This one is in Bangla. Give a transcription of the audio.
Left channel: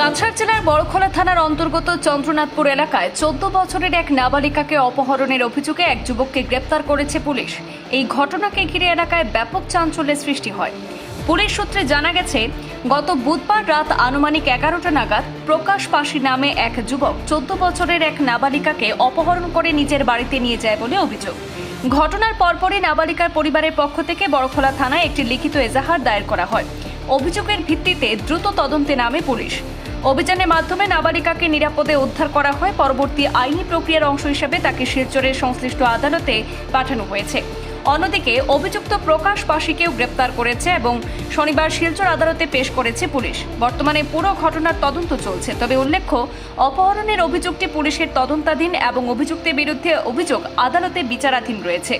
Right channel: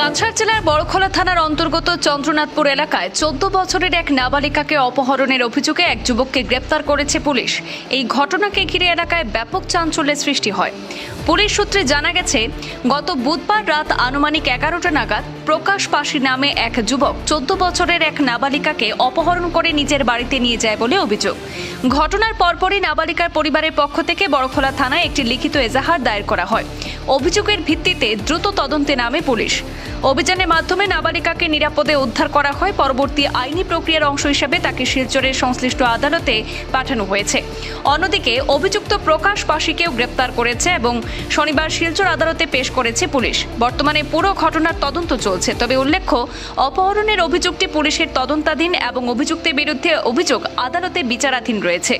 কাছাড় জেলার বড়খলা থানার অন্তর্গত চন্দ্রনাথপুর এলাকায় 14 বছরের এক নাবালিকাকে অপহরণের অভিযোগে এক যুবককে গ্রেপ্তার করেছে পুলিশ। এই ঘটনাকে ঘিরে এলাকায় ব্যাপক চাঞ্চল্যের সৃষ্টি হয়। পুলিশ সূত্রে জানা গেছে, গত বুধবার রাত আনুমানিক 11টা নাগাদ প্রকাশ পাশি নামে এক যুবক 14 বছরের এক নাবালিকাকে অপহরণ করে নিজের বাড়িতে নিয়ে যায় বলে অভিযোগ। ঘটনার পরপরই নাবালিকার পরিবারের পক্ষ থেকে বড়খলা থানায় একটি লিখিত এজাহার দায়ের করা হয়। অভিযোগের ভিত্তিতে দ্রুত তদন্তে নামে পুলিশ। অভিযানের মাধ্যমে নাবালিকাকে নিরাপদে উদ্ধার করা হয়। পরবর্তী আইনি প্রক্রিয়ার অংশ হিসেবে তাকে শিলচরের সংশ্লিষ্ট আদালতে পাঠানো হয়েছে। অন্যদিকে অভিযুক্ত প্রকাশ পাশিকেও গ্রেপ্তার করেছে এবং শনিবার শিলচর আদালতে পেশ করেছে পুলিশ। বর্তমানে পুরো ঘটনার তদন্ত চলছে। তবে উল্লেখ্য, অপহরণের অভিযোগটি পুলিশের তদন্তাধীন এবং অভিযুক্তের বিরুদ্ধে অভিযোগ আদালতে বিচারাধীন রয়েছে।